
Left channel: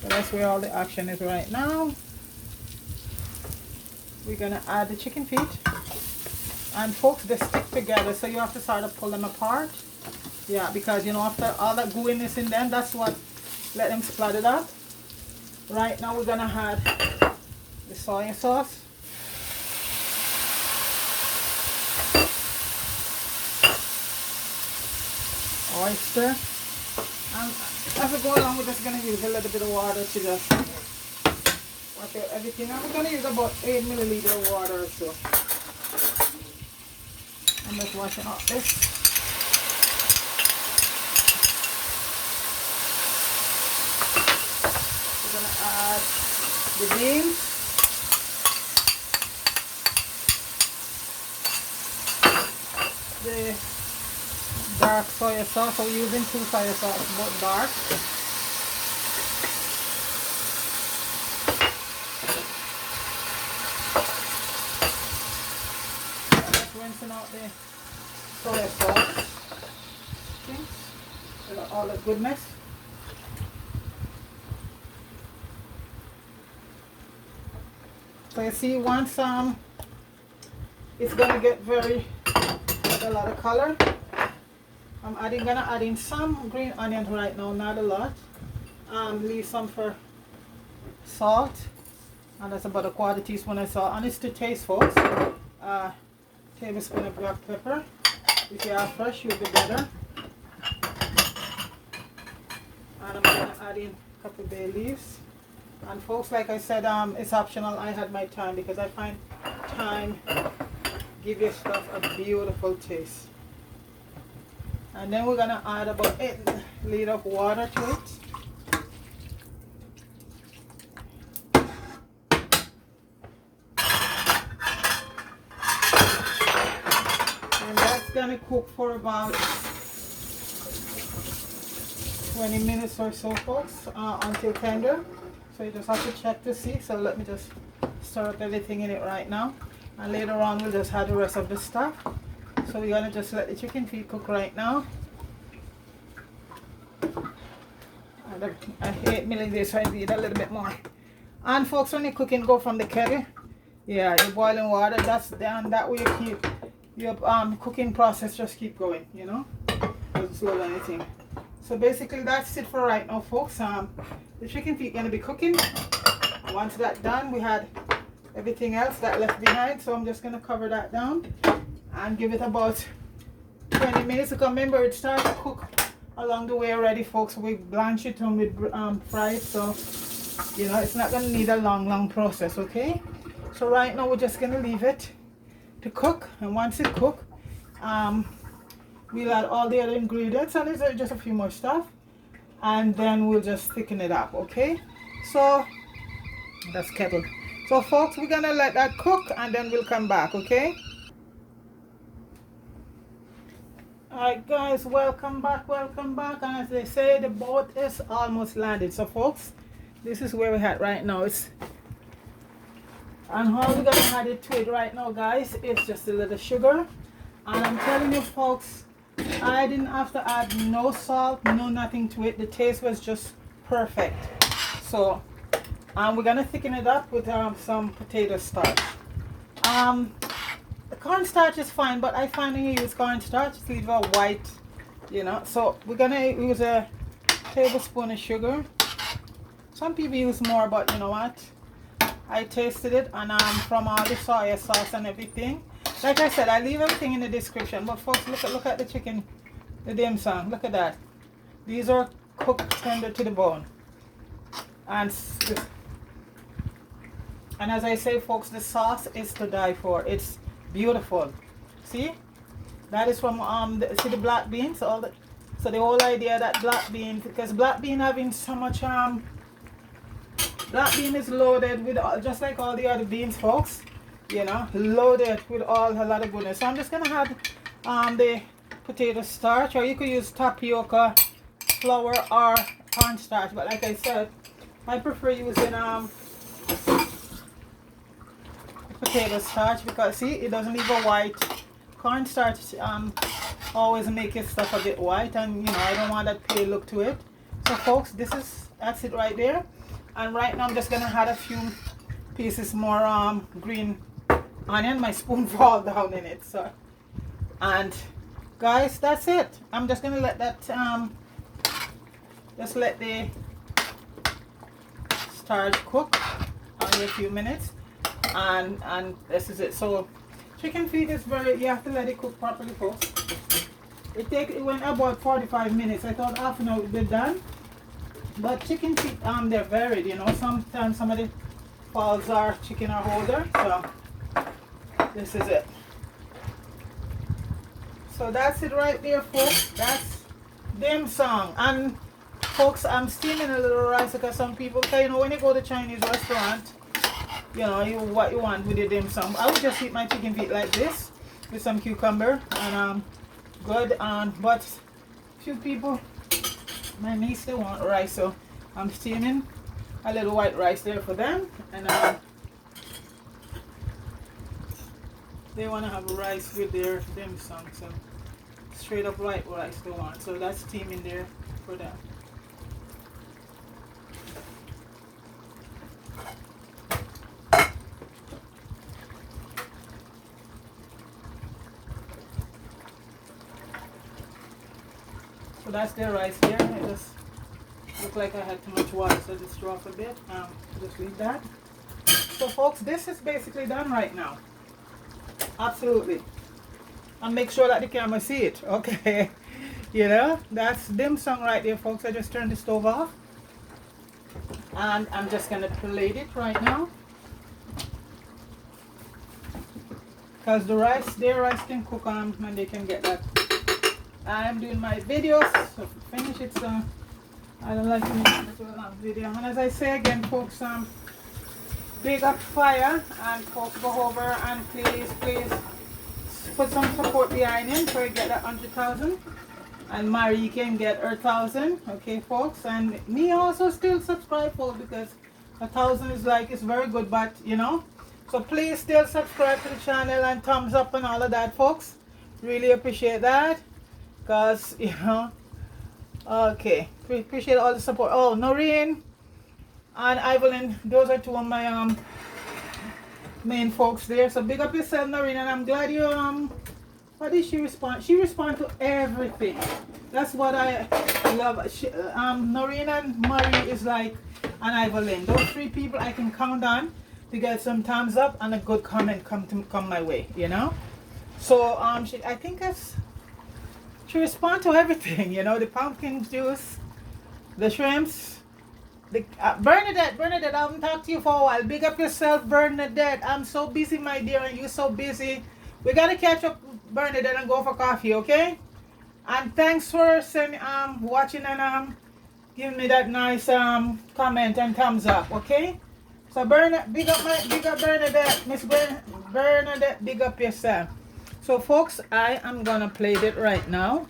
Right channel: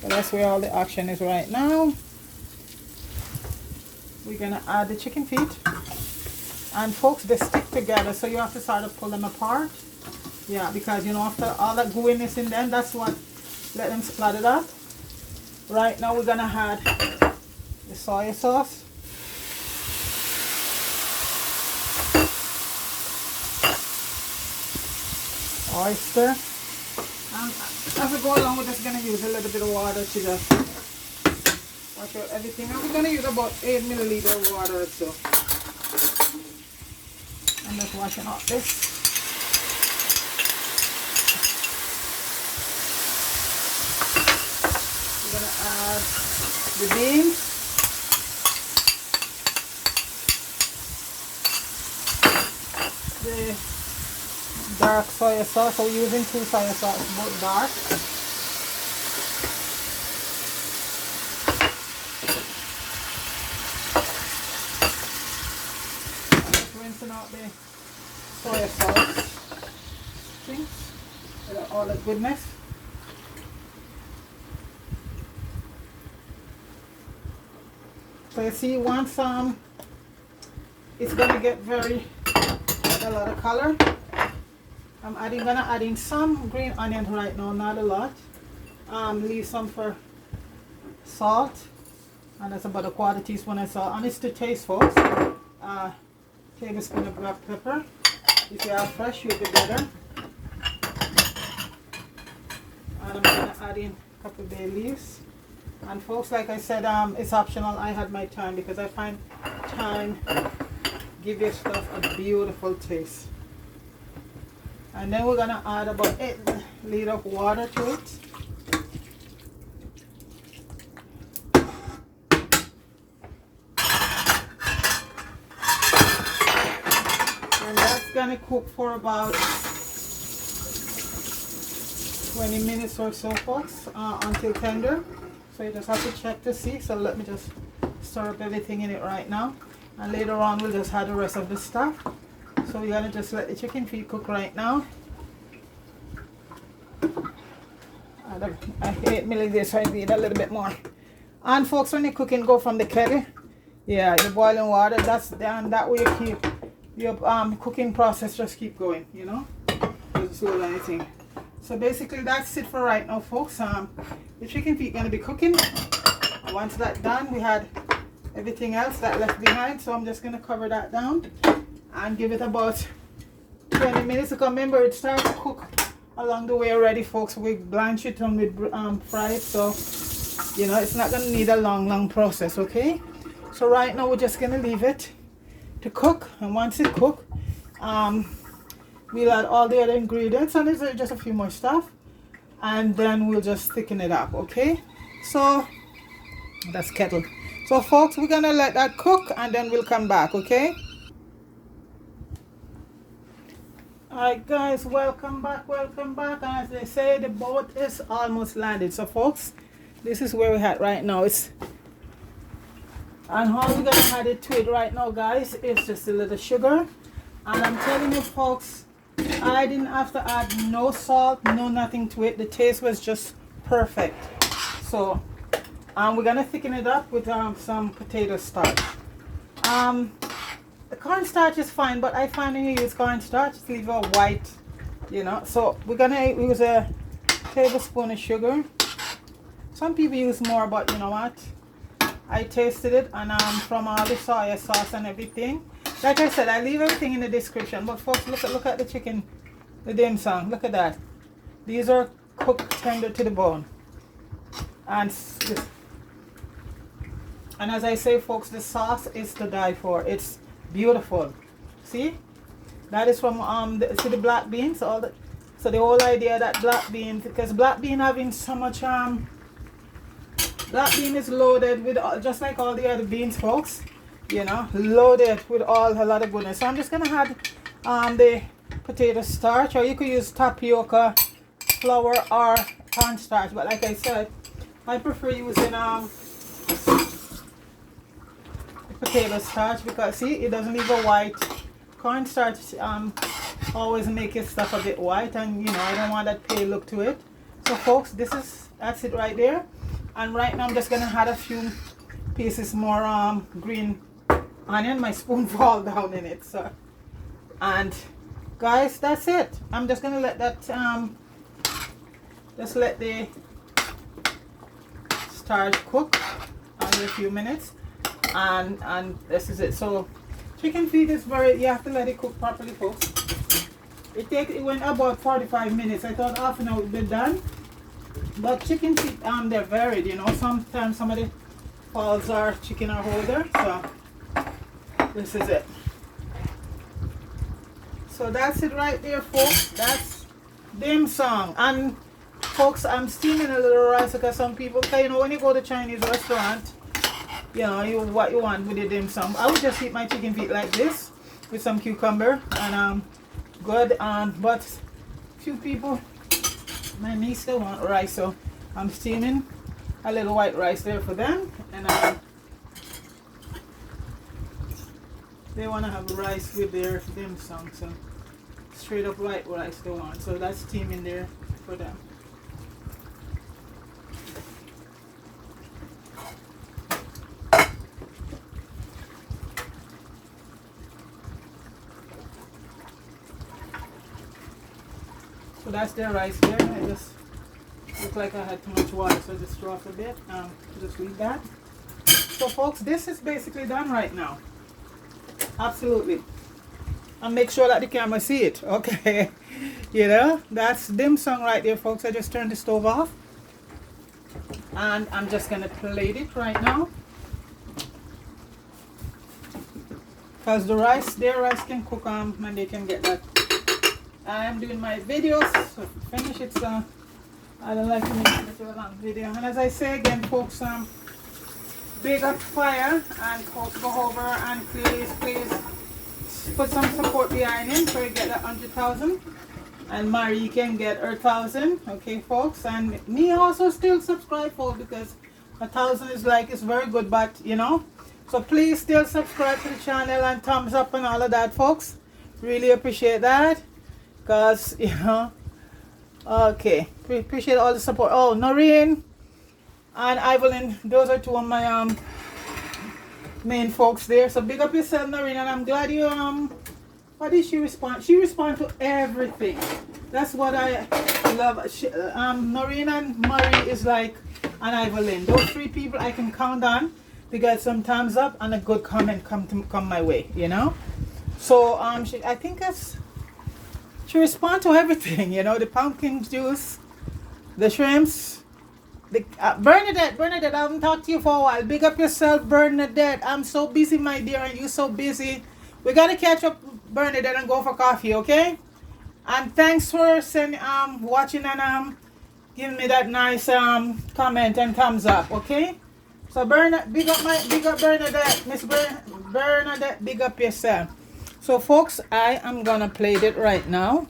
So that's where all the action is right now. We're gonna add the chicken feet, and folks, they stick together, so you have to sort of pull them apart. Yeah, because you know, after all that gooiness in them, that's what let them splatter up. Right now we're gonna add the soy sauce. Oyster, and as we go along, we're just going to use a little bit of water to just wash out everything. And we're going to use about 8 milliliters of water or so. And just washing out this. We're going to add the beans. The dark soy sauce, so we're using 2 soy sauce, both dark. I'm just rinsing out the soy sauce. See? All the goodness. So you see, once it's gonna get a lot of color. I'm gonna add in some green onions right now, not a lot. Leave some for salt, and that's about a 1/4 teaspoon of salt. And it's to taste, folks. Tablespoon of black pepper. If you are fresh, you'll be better. And I'm gonna add in a couple bay leaves. And folks, like I said, it's optional. I had my thyme because I find thyme give your stuff a beautiful taste. And then we're gonna add about 8 liters of water to it. And that's gonna cook for about 20 minutes or so, folks, until tender. So you just have to check to see. So let me just stir up everything in it right now. And later on we'll just add the rest of the stuff. So we're gonna just let the chicken feet cook right now. I hate milling this, so I need a little bit more. And folks, when you're cooking, go from the kettle. Yeah, the boiling water. That way you keep your cooking process just keep going. You know, doesn't slow anything. So basically, that's it for right now, folks. The chicken feet gonna be cooking. Once that's done, we had everything else that left behind. So I'm just gonna cover that down and give it about 20 minutes. Because remember, it starts to cook along the way already, folks. We blanch it and we fry it, so you know it's not gonna need a long process. Okay, so right now we're just gonna leave it to cook, and once it cooks, we'll add all the other ingredients, and it's just a few more stuff, and then we'll just thicken it up. Okay, so that's kettle. So folks, we're gonna let that cook and then we'll come back. Okay. Alright guys, welcome back. And as they say, the boat is almost landed. So folks, this is where we're at right now. And all we're gonna add it to it right now, guys, is just a little sugar. And I'm telling you, folks, I didn't have to add no salt, no nothing to it. The taste was just perfect. So we're gonna thicken it up with some potato starch. The cornstarch is fine, but I find when you use cornstarch, it's leave a white you know. So we're gonna use a tablespoon of sugar. Some people use more, but you know what, I tasted it, and from all the soy sauce and everything, like I said, I leave everything in the description. But folks, look at the chicken, the dim sum. Look at that. These are cooked tender to the bone, and as I say, folks, the sauce is to die for. It's beautiful. See, that is from see the black beans. So the whole idea that black beans, because black bean having so much black bean is loaded with just like all the other beans, folks. You know, loaded with a lot of goodness. So I'm just gonna add the potato starch, or you could use tapioca, flour, or cornstarch. But like I said, I prefer using potato starch, because see, it doesn't leave a white. Cornstarch always make your stuff a bit white, and you know, I don't want that pale look to it. So folks, that's it right there. And right now I'm just gonna add a few pieces more green onion. My spoon fall down in it, so. And guys, that's it. I'm just gonna let that just let the starch cook only a few minutes, and this is it. So chicken feet is you have to let it cook properly, folks. It went about 45 minutes. I thought half an hour would be done, but chicken feet they're varied, you know. Sometimes some of the balls are chicken or holder. So this is it. So that's it right there, folks. That's dim sum. And folks, I'm steaming a little rice, because some people, you know, when you go to Chinese restaurant, you know, what you want with the dim sum. I would just eat my chicken feet like this with some cucumber and good. But few people, my niece, they want rice, so I'm steaming a little white rice there for them, and they want to have rice with their dim sum, so straight up white rice they want. So that's steaming there for them. So that's their rice there. I just looked like I had too much water, so I just threw off a bit. Just leave that. So folks, this is basically done right now. Absolutely. And make sure that the camera see it. Okay. You know, that's dim sum right there, folks. I just turned the stove off, and I'm just gonna plate it right now, because their rice can cook on, and they can get that. I'm doing my videos, so to finish it, so I don't like to make it a long video. And as I say again, folks, big up fire, and folks, go over and please put some support behind him so you get that 100,000, and Marie can get her 1,000. Okay, folks, and me also still subscribe, folks, because 1,000 is like, it's very good, but you know, so please still subscribe to the channel and thumbs up and all of that, folks. Really appreciate that, because you know, okay, appreciate all the support. Oh, Noreen and Evelyn, those are two of my main folks there. So big up yourself, Noreen, and I'm glad you what did she respond? She respond to everything. That's what I love. Noreen and Marie is like, and Evelyn, those three people I can count on to get some thumbs up and a good comment come my way, you know. So I think she respond to everything, you know, the pumpkin juice, the shrimps. The, Bernadette, I haven't talked to you for a while. Big up yourself, Bernadette. I'm so busy, my dear, and you're so busy. We gotta catch up, Bernadette, and go for coffee, okay? And thanks for watching and giving me that nice comment and thumbs up, okay? So big up Bernadette, Miss Bernadette, big up yourself. So folks, I am gonna plate it right now.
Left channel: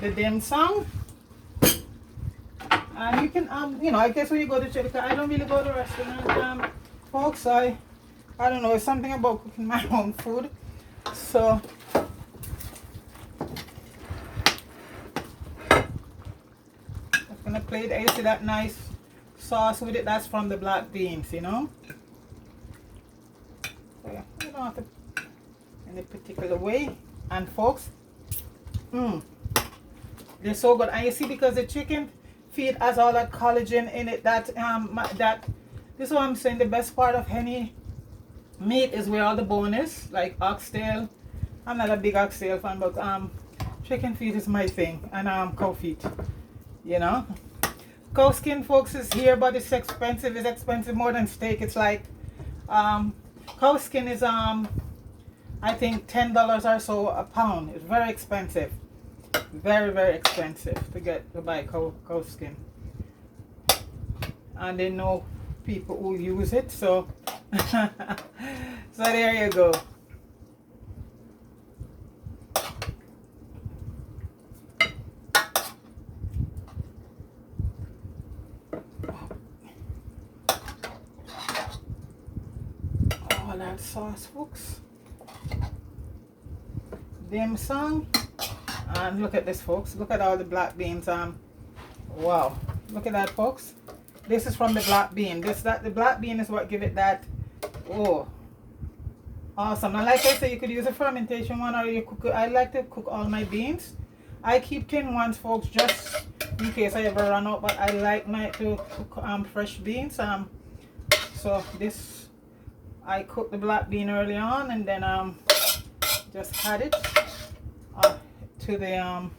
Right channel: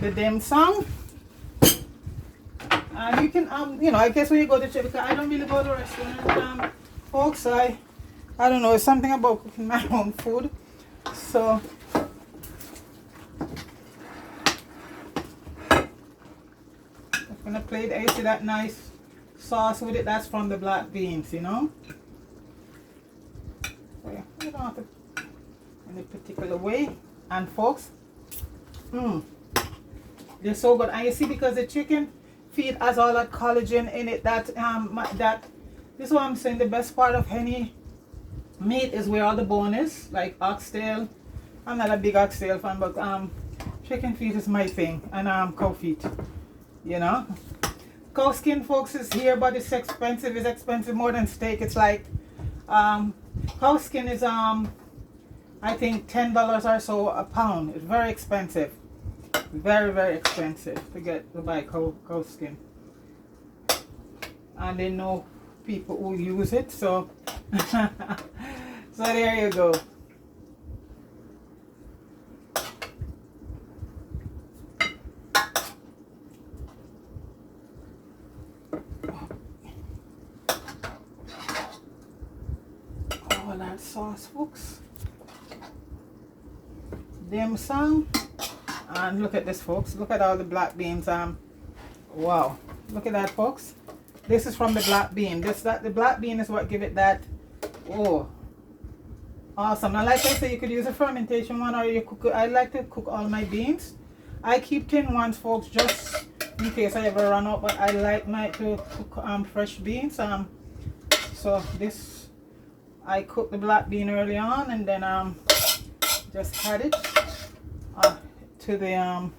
The dim sum, and you can you know, I guess when you go to church, because I don't really go to restaurant, folks. I don't know, it's something about cooking my own food. So I'm gonna plate. I see that nice sauce with it. That's from the black beans, you know. So, you know, don't have to any particular way. And folks, they're so good. And you see, because the chicken feed has all that collagen in it, that this is what I'm saying, the best part of any meat is where all the bone is, like oxtail. I'm not a big oxtail fan, but chicken feet is my thing, and cow feet, you know. Cow skin, folks, is here, but it's expensive. It's expensive more than steak. It's like cow skin is I think $10 or so a pound. It's very expensive, very, very expensive to buy cow skin. And they know people who use it, so so there you go. All that sauce, folks. Dim sum. And look at this, folks. Look at all the black beans. Wow, look at that, folks. This is from the black bean. The black bean is what give it that. Oh, awesome. And like I said, you could use a fermentation one, or you cook. I like to cook all my beans. I keep tin ones, folks, just in case I ever run out. But I like to cook fresh beans. So this, I cooked the black bean early on, and then just add it to the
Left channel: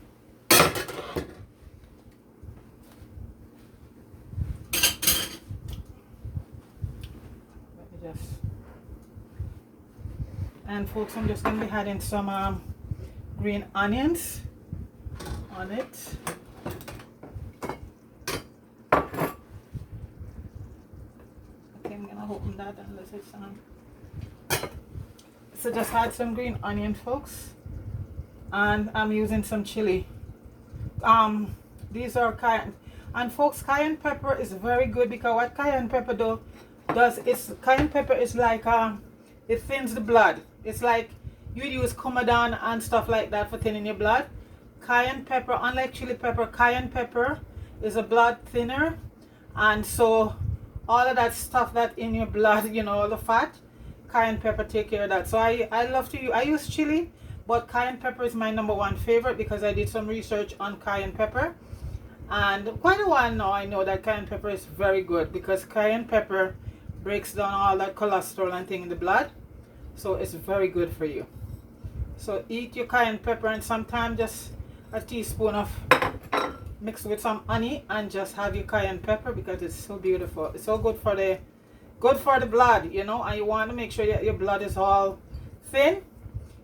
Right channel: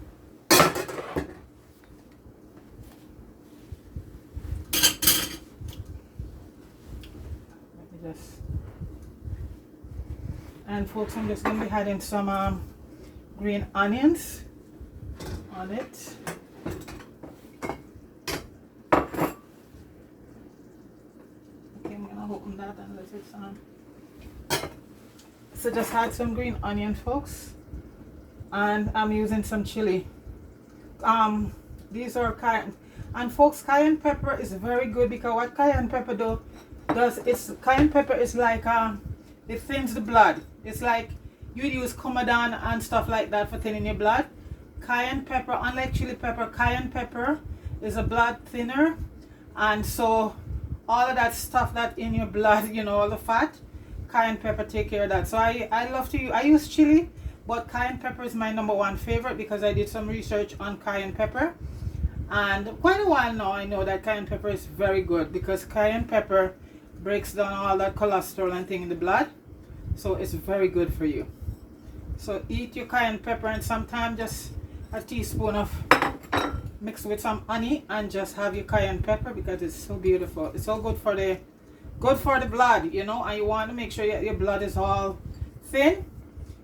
and folks, I'm just going to be adding some green onions on it. Okay, I'm gonna open that unless it's so just add some green onions, folks, and I'm using some chili. These are cayenne, and folks, cayenne pepper is very good, because what cayenne pepper does is cayenne pepper is like it thins the blood. It's like you use Comadon and stuff like that for thinning your blood. Cayenne pepper, unlike chili pepper, cayenne pepper is a blood thinner, and so all of that stuff that in your blood, you know, all the fat, cayenne pepper take care of that. So I use chili, but cayenne pepper is my #1 favorite, because I did some research on cayenne pepper, and quite a while now I know that cayenne pepper is very good, because cayenne pepper breaks down all that cholesterol and thing in the blood, so it's very good for you. So eat your cayenne pepper, and sometimes just a teaspoon of mixed with some honey, and just have your cayenne pepper, because it's so beautiful. It's so good for the blood, you know, and you want to make sure your blood is all thin,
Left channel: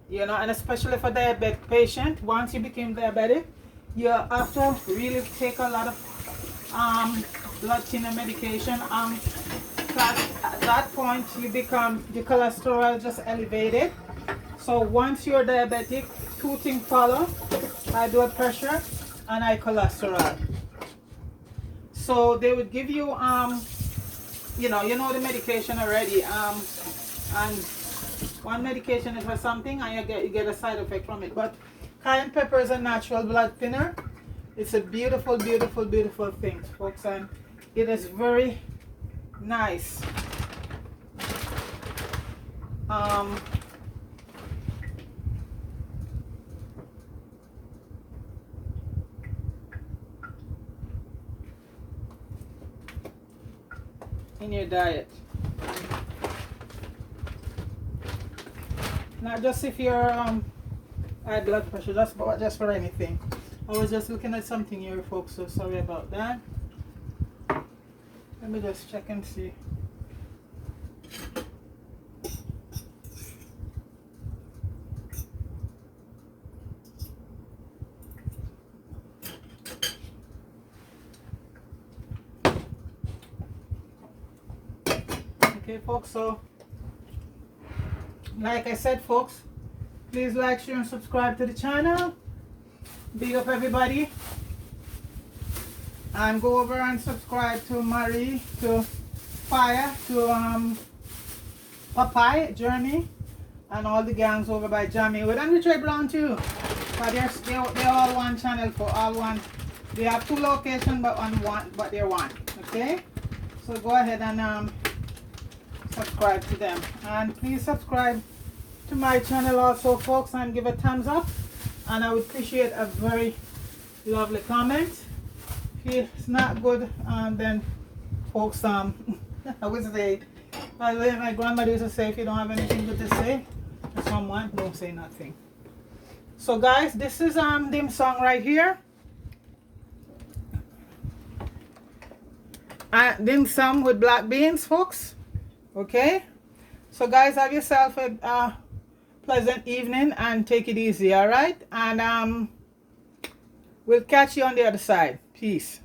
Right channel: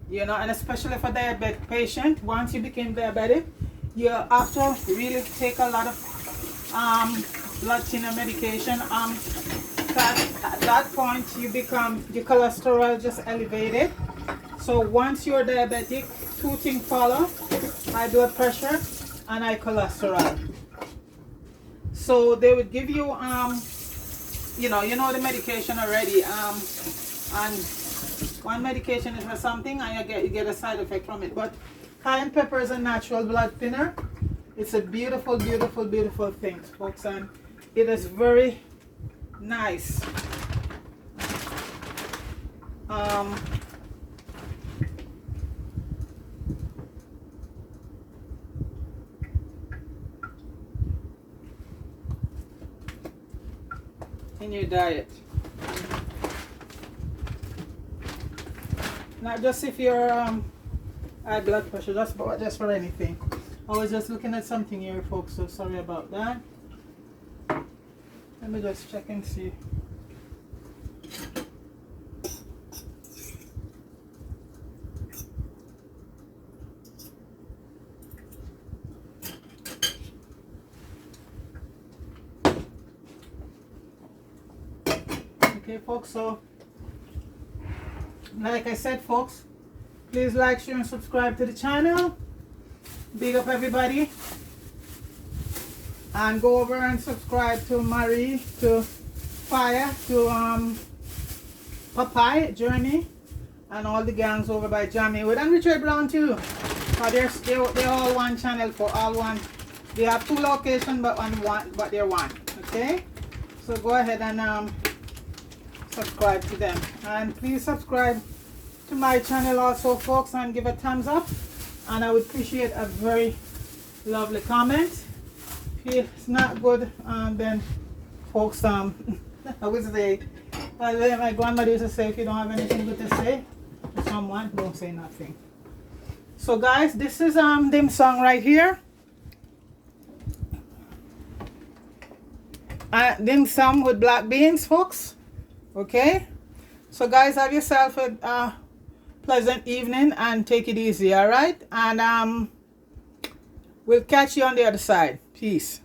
you know, and especially for diabetic patient. Once you become diabetic, you have to really take a lot of blood thinner medication. At that point you become, your cholesterol just elevated. So once you're diabetic, 2 things follow: high blood pressure and high cholesterol. So they would give you you know the medication already, and one medication is for something, and you get a side effect from it. But cayenne pepper is a natural blood thinner. It's a beautiful, beautiful, beautiful thing, folks, and it is very nice. In your diet, not just if you're high blood pressure, just for anything. I was just looking at something here, folks, so sorry about that. Let me just check and see. Okay, folks, so like I said, folks, please like, share, and subscribe to the channel. Big up everybody, and go over and subscribe to Marie, to Fire, to Popeye, Jeremy, and all the gangs over by Jamie Wood and Richard Brown too. They're all one channel, for all one. They have 2 locations, but they're one. Okay, so go ahead and subscribe to them, and please subscribe to my channel also, folks, and give a thumbs up. And I would appreciate a very lovely comment. If it's not good, then folks, I would say, my grandmother used to say, if you don't have anything good to say to someone, don't say nothing. So guys, this is dim sum right here. Dim sum with black beans, folks. Okay, so guys, have yourself a pleasant evening and take it easy. All right, and we'll catch you on the other side. Peace.